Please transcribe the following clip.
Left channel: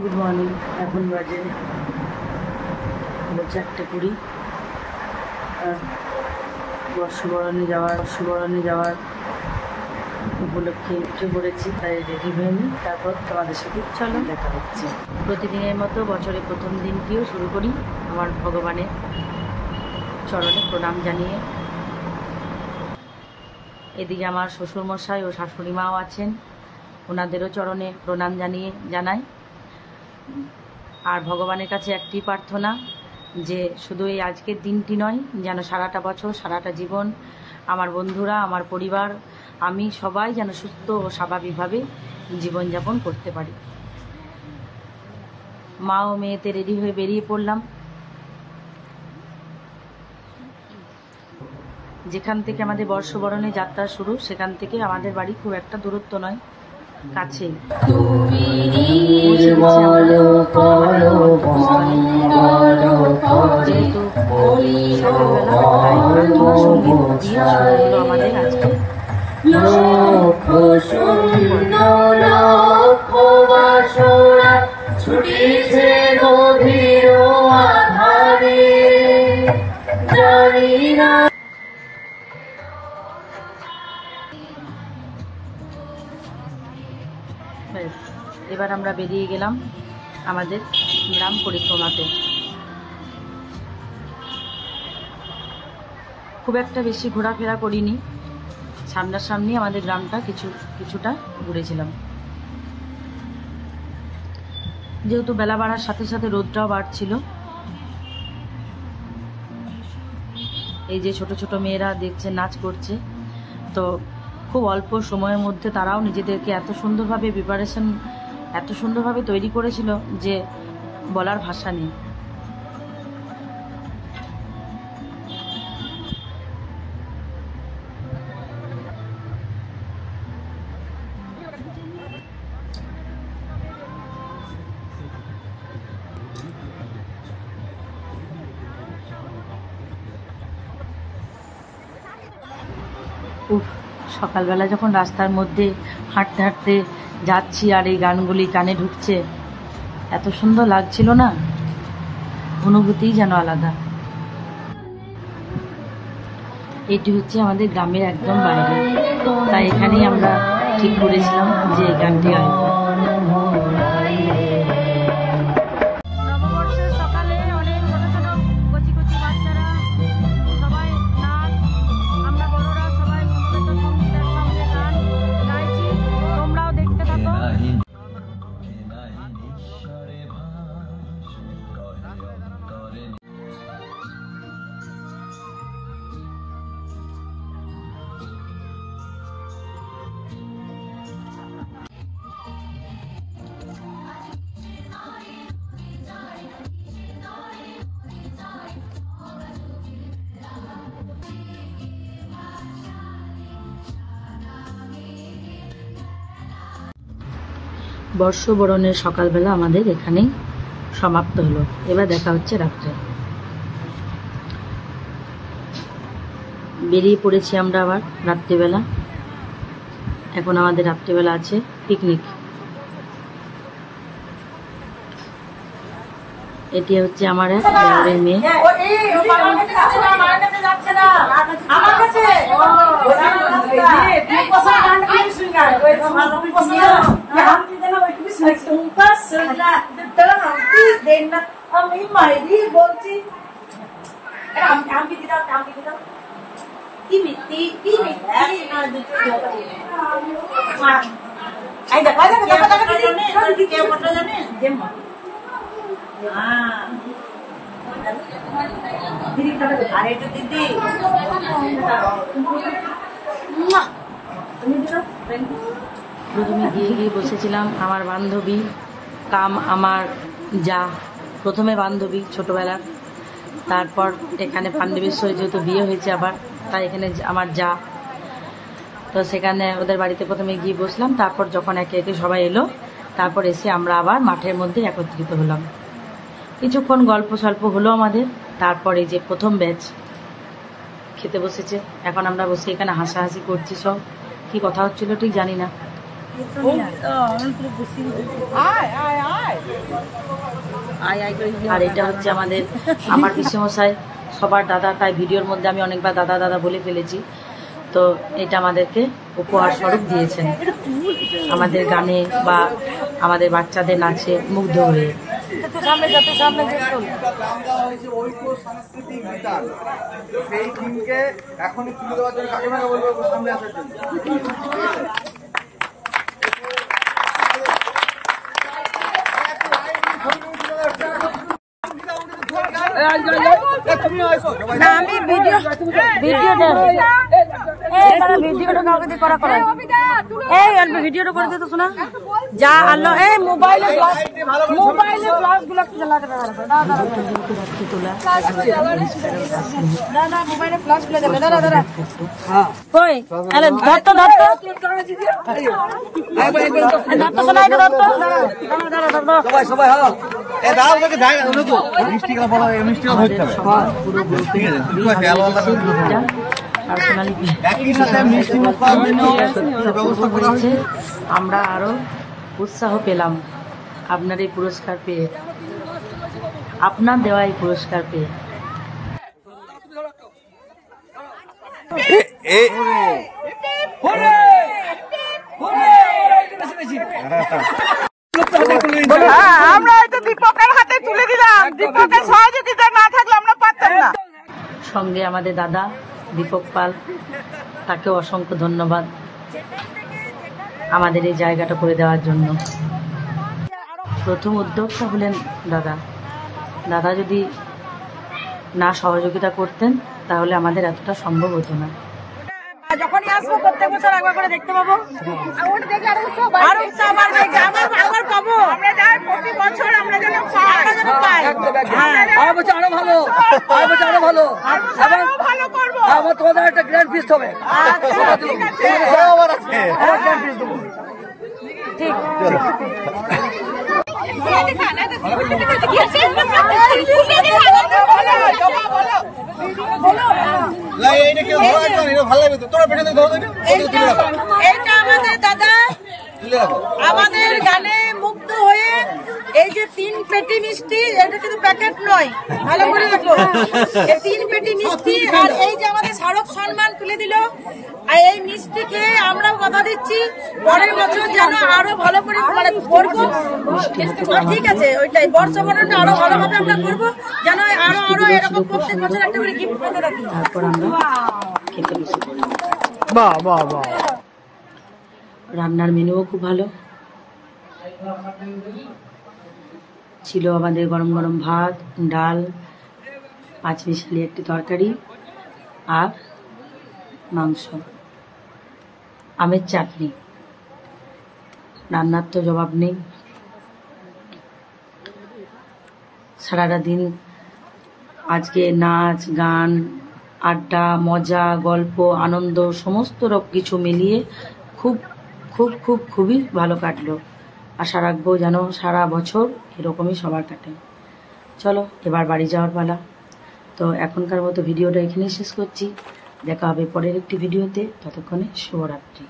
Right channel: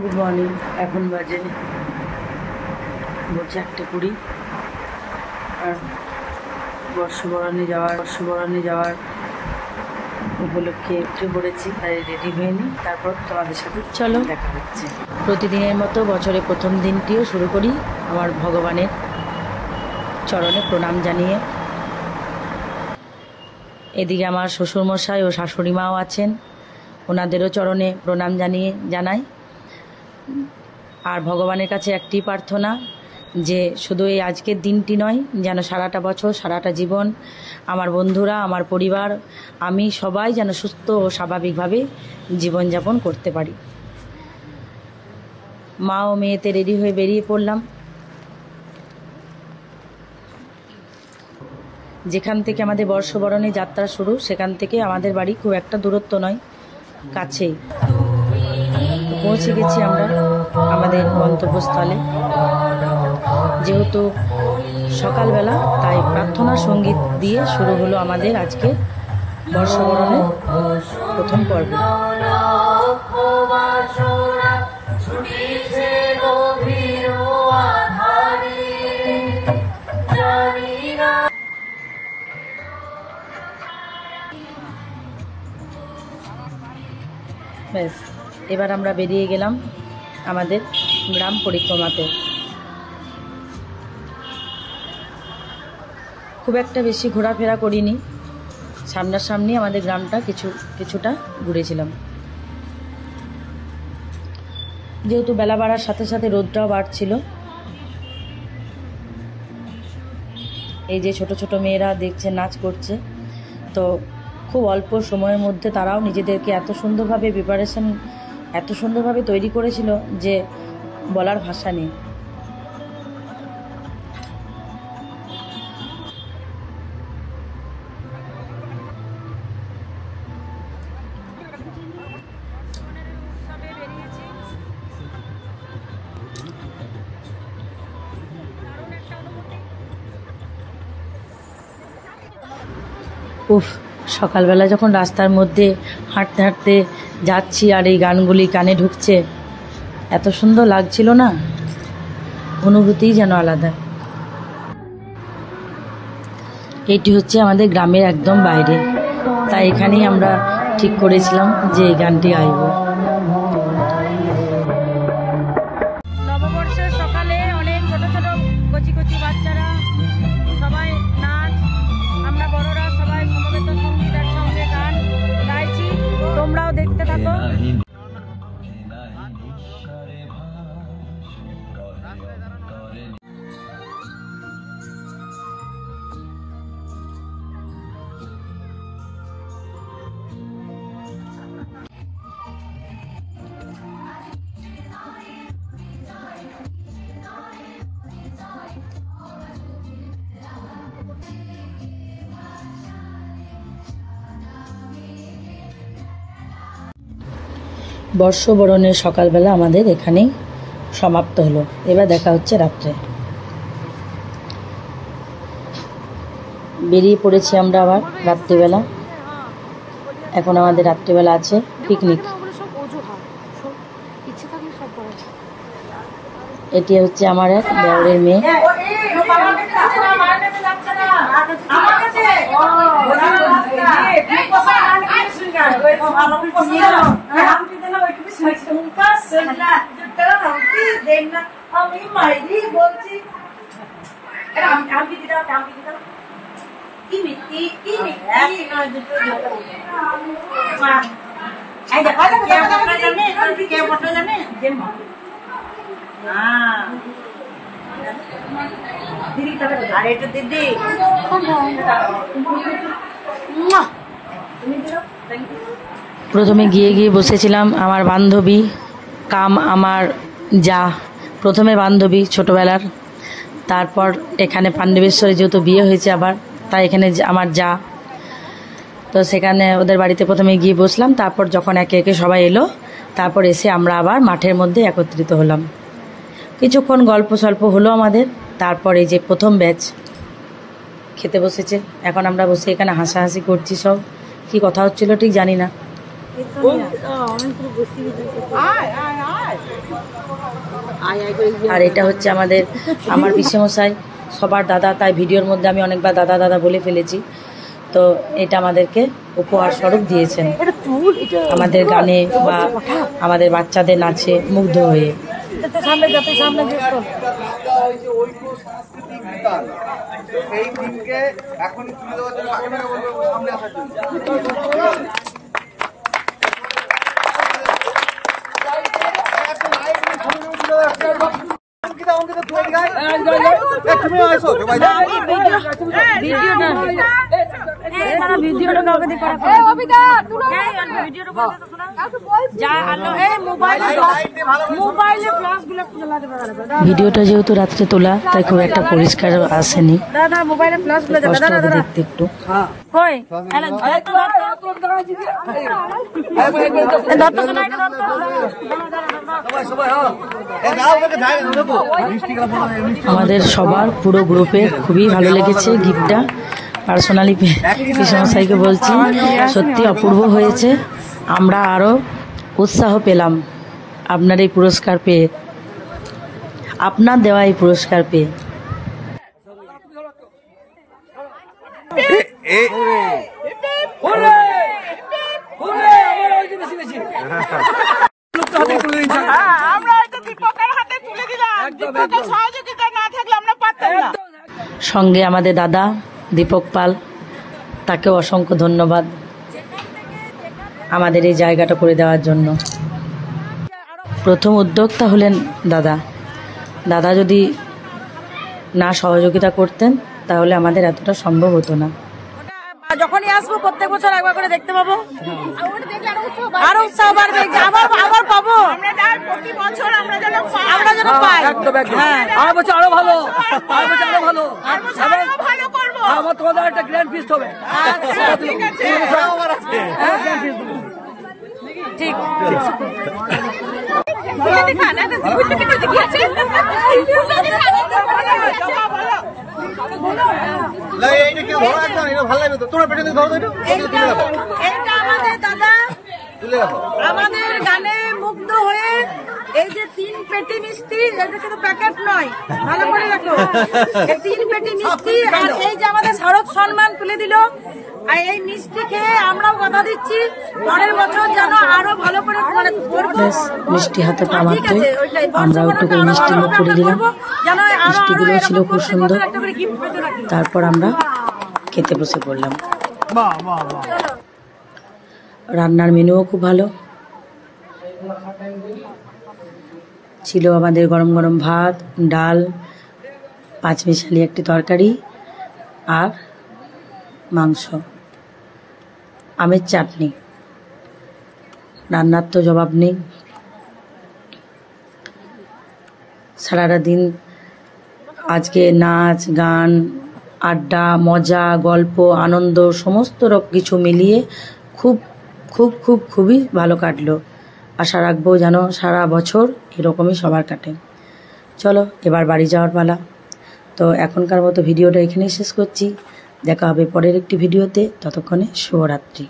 Good morning. এখন বাজে 4:20 আর বর্ষবরণে যাওয়ার উপলক্ষে উঠে পড়েছি, তাই রেডি হয়ে নিই, তারপর তোমাদের সাথে চলো দেখা হচ্ছে। প্রতিদিনের মতো বছরের প্রথম দিনটিও শুরু করি আমার ভগবানের চরণে প্রণাম জানিয়ে। এদিকে আমার শ্বশুরমশাই ও শাশুড়ি মাও আছেন, ওনাদেরও চরণে প্রণাম জানাই। আর ভগবানের কাছে একটি প্রার্থনা যে শুধু এই আজকের দিনটি নয়, যেন সারাটা বছর সারাটা জীবন আমার বন্ধুরা, আমার পরিবার, আমি সবাই যেন সুস্থ ও স্বাভাবিকভাবে জীবনযাপন করতে পারি। মা ও মেয়েতে রেডি হয়ে বেরিয়ে পড়লাম। যেখান থেকে আমাদের বর্ষবরণে যাত্রা শুরু, সেখান থেকে আমাদের বাড়ি খুব একটা দূরত্ব নয়, কাছেই। পৌঁছে গেছি আমরা আমাদের গন্তব্যস্থলে। যেহেতু সকালবেলা, তাই প্রার্থনা সঙ্গীত দিয়ে শুরু হলো আমাদের আজকে বর্ষবরণের প্রথম পর্ব। ব্যাস, এবার আমরা বেরিয়ে গেলাম আমাদের গ্রাম পরিক্রমাতে। খুব একটা বেশি ঘোরাফেরা করিনি, সামনাসামনি আমাদের গ্রামটা কিছুটা ঘুরেছিলাম। যেহেতু বেলা বাড়ার সাথে সাথে রোদটাও বাড়ছিল। এই যে ছোট ছোট মেয়েরা দেখছে নাচ করছে, তো খুব অল্প সময়ের মধ্যে তারাও নিজেদেরকে এত সুন্দরভাবে তৈরি করেছিল যে বলার ভাষা নেই। উফ, সকালবেলা যখন রাস্তার মধ্যে হাঁটতে হাঁটতে যাচ্ছি আর এই গানগুলি কানে ঢুকছে, এত সুন্দর লাগছিল না, অনুভূতিই যেন আলাদা। এটি হচ্ছে আমাদের গ্রামের একদম বাইরে, তাই এখানেই আমরা ঠিক করেছিলাম যে এই গানটি গাইব। নববর্ষের সকালে অনেক ছোট ছোট কচি কচি বাচ্চারা সবাই নাচ, আমরা বড়রা সবাই সমবেত সঙ্গীতের সঙ্গে গান গাইছি, তোমরাও দেখতে থাকো। বর্ষবরণের সকালবেলা আমাদের এখানেই সমাপ্ত হলো। এবার দেখা হচ্ছে রাত্রে। বেরিয়ে পড়েছি আমরা আবার রাত্রিবেলা। এখন আমাদের রাত্রিবেলা আছে পিকনিক। এটি হচ্ছে আমার এক দেওরের মেয়ে। প্রথমে গিয়ে বসেছিলাম আমার বান্ধবী কাম আমার যা, প্রথমে বান্ধবী ছোটবেলার, তারপর এখানে পাণ্ডবেশ্বরে যেহেতু বিয়ে হয়েছে আবার, তাই এখানে আমার যা, তো সেখানে ওদের বাড়িতে প্রথমে গিয়ে বসলাম। তারপর যখন একে একে সবাই এলো, তারপর এসে আমরা আবার মাঠের মধ্যে একত্রিত হলাম। কিছুক্ষণ গল্প সল্প হলো আমাদের, তারপর এই যে প্রথম ব্যাচ খেতে বসেছে। এখন আমরা বসে এখানে হাসাহাসি করছি, সব কি কথা হচ্ছিল ঠিক জানি না। আর এটা হচ্ছে আমার পিসেমশাই সবার দাদা, তাই ভিডিওর মধ্যে আমি অনেকবার দাদা দাদা বলে ফেলেছি। তো এটা আমাদেরকে উপহার স্বরূপ দিয়েছেন আমাদের গানে বা আমাদের বাচ্চাদের নাচে মুগ্ধ হয়ে। ভিডিওটা যেহেতু রাত্রে তোলা তাই খুব একটা পরিষ্কার আসেনি। একটু আমাদের সবার পুরো গ্রুপে খুবই ভালো লেগেছে গিফটটা। পার্সোনালি পিসমশাইকে বলছি সত্যি অপূর্ব হয়েছে। আমরা আরও উৎসাহ পেলাম আপনার এই পুরস্কার পেয়ে, আপনার দেওয়া এই পুরস্কার পেয়ে। সঙ্গে আমাদের দাদা দীপক পাল, তাকেও অসংখ্য ধন্যবাদ আমাদের এই জায়গাটা করে দেওয়ার জন্য। প্রথম উদ্যোক্তা হলেন দাদা। দাদা যদি না সহযোগিতা করতেন তাহলে আমাদের এতটা সম্ভব হতো না। যখনই আসবো প্রত্যেক বছর একবার করে দেখতে পাবো, আরো উৎসাহ বাড়বে, আবার পাবো। আমরা পাই, আরো বছর আরো ভালো, আরো ভালো, আমার তোমাদের একটা গ্র্যান্ড ফিস্ট হবে। ঠিক আমাদের দাদা আমাদের গানে মুগ্ধ হয়ে এই যে 3 পেটি মিষ্টি, এটা কিন্তু প্যাকেট নয়, ভালো করে দেখো, 3 পেটি মিষ্টি আর এই যে আমাদের স্মারক সম্মান তুলে দিল। আর এই মিষ্টি খেয়ে আমরাও কথা দিচ্ছি পরের বছর যেন আরো ভালো করে করবো। মিষ্টি হাতে ঠিক আছে, ওইটাই বর্ষবরণটা আরো ভালোভাবে আমরা করবো, যেন আরো এরকম প্রত্যেক বছর একটা করে গিফট পেতে রাখি। তারপর আমরা খেতে বসে পড়লাম। রান্নার মেনুও খুব ভালো ছিল। আমাদের গরম গরম ভাত, ডাল, 5 মিশালি একটি তরকারি আর মাংস, আমের চাটনি। রান্নার তো জবাব নেই। সারাটা দিন আজকে নাচ গান, আড্ডা, মজা, গল্প, আনন্দ সমস্ত কিছু মিলিয়ে খুব খুব খুব খুবই ভালো কাটলো। আশা রাখবো যেন সারা বছর এরকমই সবার কাটে। চলো এবার বাড়ি যাওয়ার পালা। তো এখনকার মতো ভিডিওটা এখানেই শেষ করছি। দেখা হবে পরের একটি ভিডিওতে। ততক্ষণে শুভরাত্রি।